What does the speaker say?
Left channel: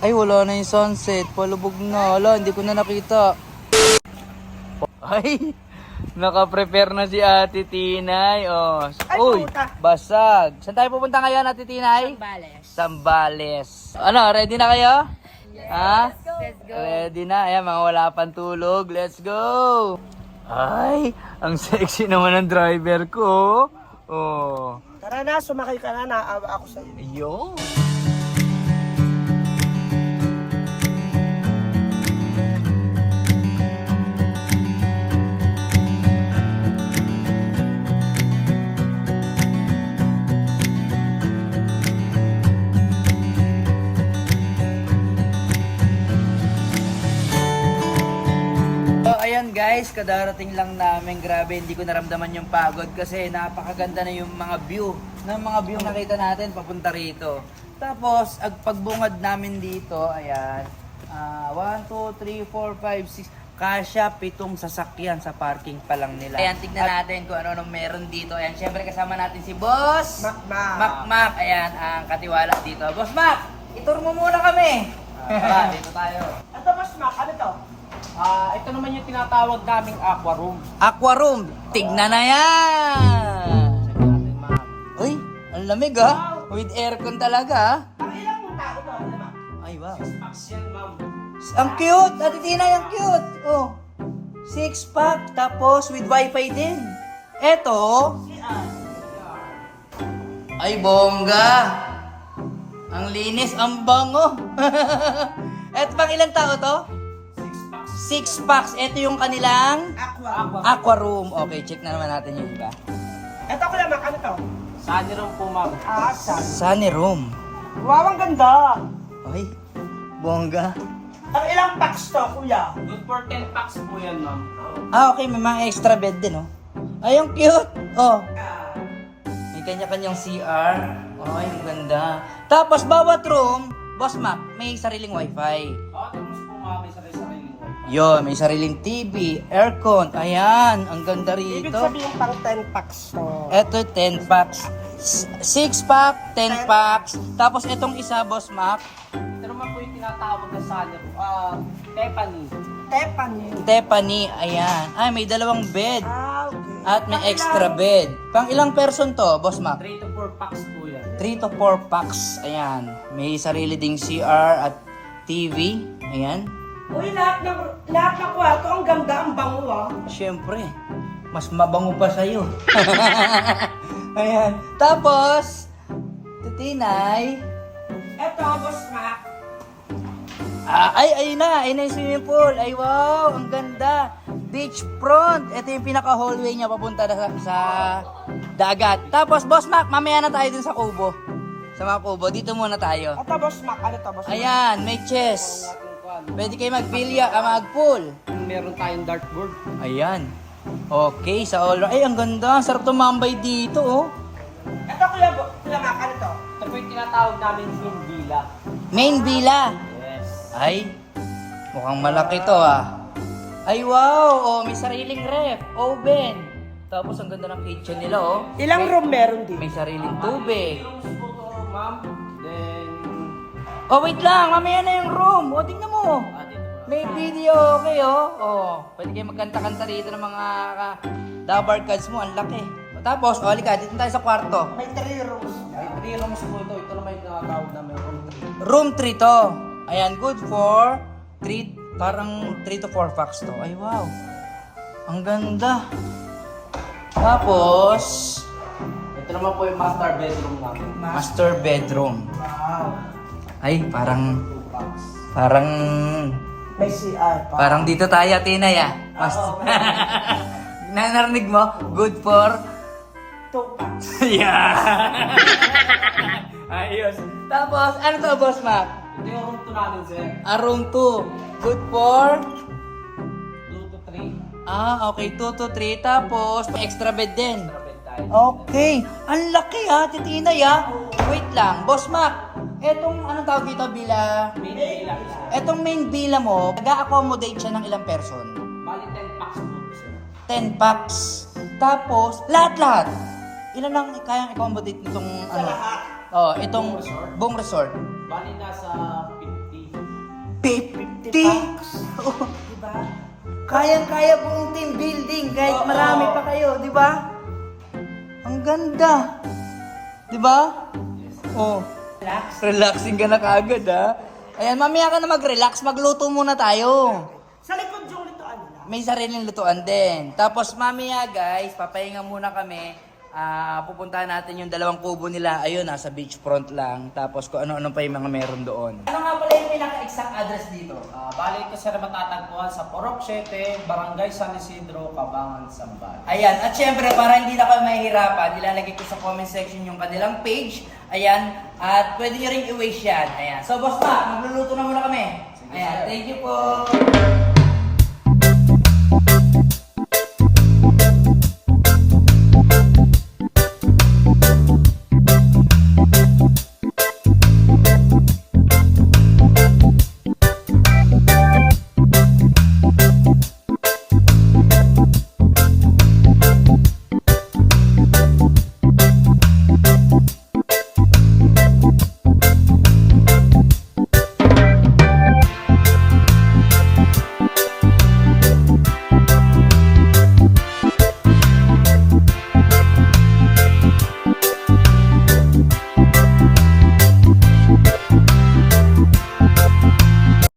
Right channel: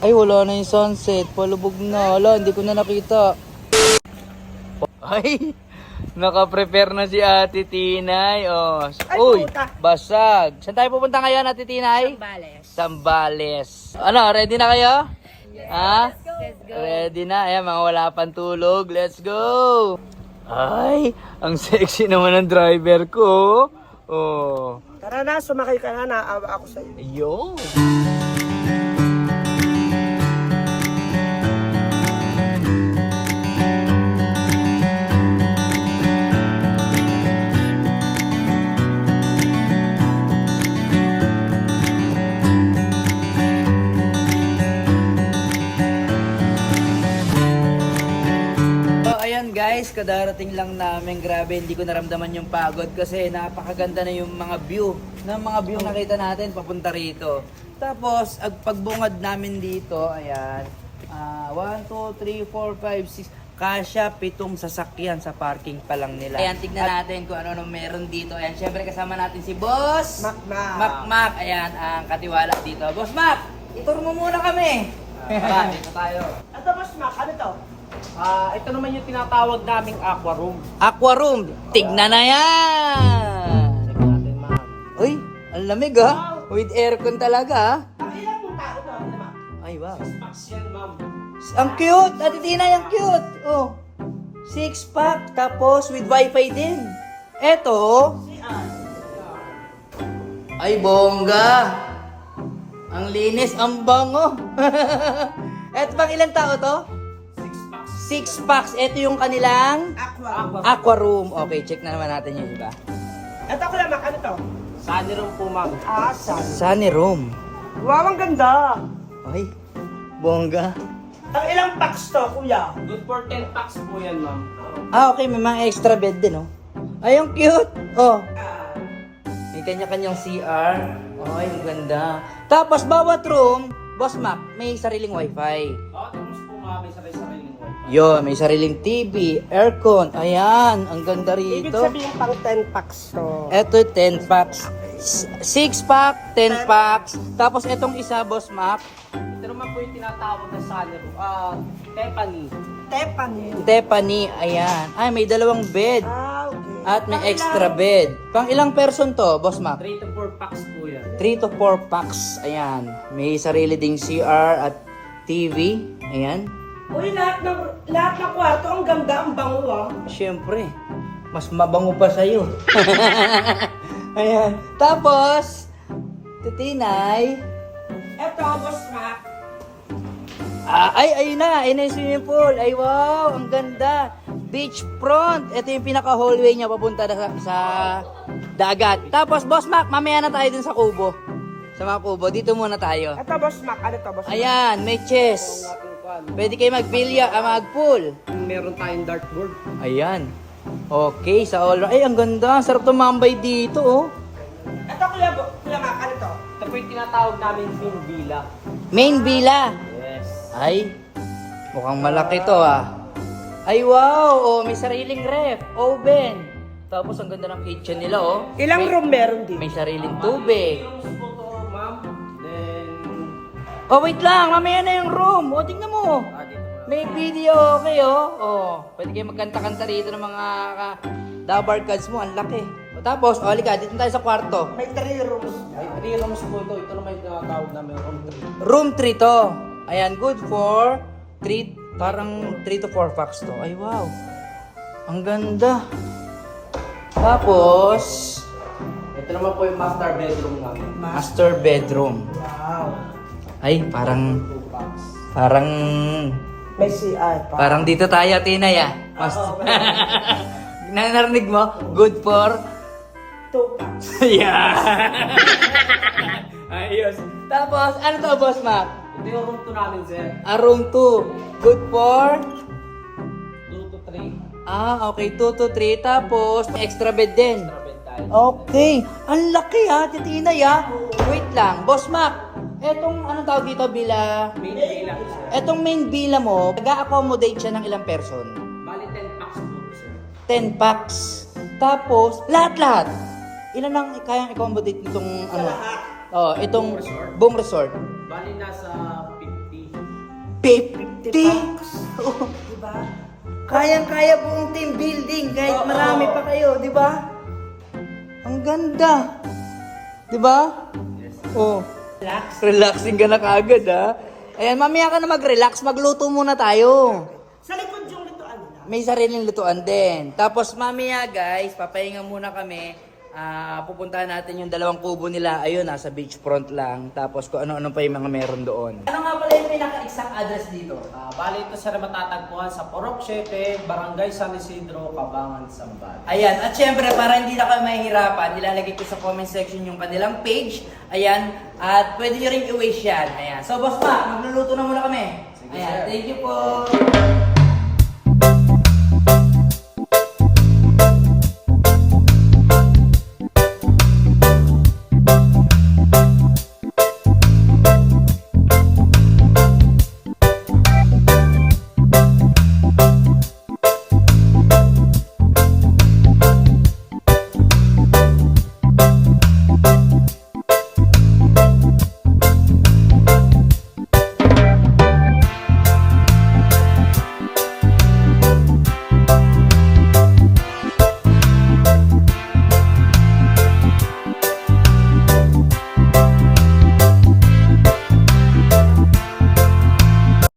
Ay, wala na yung sunset. Palubog na. Wala, hindi ko na nakita. Ay, naka-prepare na si Ate Tinay. Oh. Ay, Uy, puta. basag. Saan tayo pupunta ngayon, Ate Tinay? Sambales. Sambales. Ano, ready na kayo? Ha? Let's go. Ready na. Ayan, mga wala pang tulog. Let's go. Ay, ang sexy naman ng driver ko. Oh. Tara na, sumakay ka na, naawa ako sa'yo. Ayun. So ayan guys, kadarating lang namin. Grabe, hindi ko naramdaman yung pagod kasi napakaganda na yung mga view. Mga view nakita natin papunta rito. Tapos, pagbungad namin dito, ayan. 1, 2, 3, 4, 5, 6. Kasya 7 sasakyan sa parking pa lang nila. Ayan, tignan natin kung ano meron dito. Ayan, syempre kasama natin si Boss Mac. Ayan, ang katiwala dito. Boss Mac, itur mo muna kami. Dito tayo. Ito, Boss Mac, ano to? Ito naman yung tinatawag naming aqua room. Aqua room, tignan na yan! Check natin, ma'am. Uy, ang lamig ah. With aircon talaga ah. Ilang tao to? Ay wow. Max yan, ma'am. Ang cute! Ate Tina, yung cute! Oh. 6-pack, tapos with wifi din. Eto. Ay, bongga. Ang linis, ang bango. Eto bang ilang tao to? 6 packs. Ito yung kanilang aqua room. Okay, check na naman natin yung iba. Ito ko lang, Mac, ano to? Sunny room po, ma'am. Sunny room. Wow, ang ganda. Ay, bongga. Ang ilang packs to, kuya? Good for 10 packs po yan, ma'am. Okay, may mga extra bed din, oh. Ay, ang cute. Oh. May kanya-kanyang CR. Ay, ganda. Tapos, bawat room, Boss Mac, may sariling wifi. Tapos po, ma'am, may sarili-sarili mo. Yo, may sariling TV, aircon. Ayan, ang ganda Ibig rito. sabihin pang 10 packs to. Eto, 10 packs. 6 pack, 10 packs. Tapos, etong isa, Boss Mac, Ito naman po yung tinatawag na sunny room. Teppany. Tiffany. Ayan. Ay, may dalawang bed. At may extra bed. Pang ilang person to, Boss Mac? 3 to 4 packs po yan. 3 to 4 packs. Ayan. May sarili ding CR at TV. Ayan. Uy, lahat ng kwarto, ang ganda, ang bango ah. Siyempre, mas mabango pa sa'yo. Ayan. Tapos, Tutinay. Ito, Boss Mac. Ayun na yung swimming pool. Ay, wow, ang ganda. Beach front. Ito yung pinaka-hallway niya papunta na sa dagat. Tapos, Boss Mac, mamaya na tayo dun sa kubo. Sa mga kubo. Dito muna tayo. Ito, Boss Mac, ano to, Boss Mac? Ayan, may chess. Pwede kayo mag-pool. Meron tayong dartboard. Ayan. Okay, sa all. Ay, ang ganda. Sarap tumambay dito, oh. Ito, kuya Mac, ano to? Ito po yung tinatawag namin main villa. Main villa. Yes. Ay, mukhang malaki to, ah. Ay, wow. Oh, may sariling ref, oven. Tapos, ang ganda ng kitchen nila, oh. Ilang room meron din? May sariling tubig. Ma'am, then... Oh, wait lang. Mamaya na yung room. O, tingnan mo. dito. May video, okay, oh. Oh, pwede kayo magkanta-kanta rito ng mga dabar cards mo. Ang laki. O, tapos, oh, halika, dito tayo sa kwarto. May 3 rooms. May 3 rooms po ito. Ito naman yung tinatawag namin room 3. Room 3 to. Ayan, good for 3, parang 3 to 4 packs to. Ay, wow. Ang ganda. Tapos, Ito naman po yung master bedroom namin. master bedroom. Wow. Ay, parang, 2 packs. May CR pa. parang dito tayo, Tinay, ah. Narinig mo? Good for 2 packs. yeah. Ayos. Tapos, ano to, Boss Mac? Ito yung room 2 namin, sir. Room 2. Good for? 2 to 3. Okay. 2 to 3. Tapos, may extra bed din. Bed tayo. Okay. Ang laki ha, Titinay ha. Wait lang. Boss Mac, etong, anong tawag dito, bila? Main villa po, sir. Etong main villa mo, nag-accommodate siya ng ilang person? Bali 10 packs po, sir. 10 packs. Tapos, lahat-lahat. Ilan ang kayang accommodate nitong, ano? Lahat. Oh, itong Buong resort? buong resort. Bali nasa 50. 50? Diba? Kayang-kaya buong team building kahit marami pa kayo, di ba? Ang ganda. Di ba? Oh. Relax. Relaxing ka na kaagad, ha? Ayan, mamaya ka na mag-relax. Magluto muna tayo. Sa likod yung lutoan nila. May sariling lutuan din. Tapos mamaya, guys, papahinga muna kami. Pupuntahan natin yung dalawang kubo nila. Ayun, nasa beachfront lang. Tapos kung ano-ano pa yung mga meron doon. Ano nga pala yung pinaka-exact address dito? Bali ito sir matatagpuan sa Purok 7, Barangay San Isidro, Cabangan, Zambales. Ayan, at syempre para hindi na kayo mahihirapan, ilalagay ko sa comment section yung kanilang page. Ayan, at pwede nyo rin i-waste yan. Ayan. So boss Mac, magluluto na muna kami. Sige, Ayan, sir. thank you po.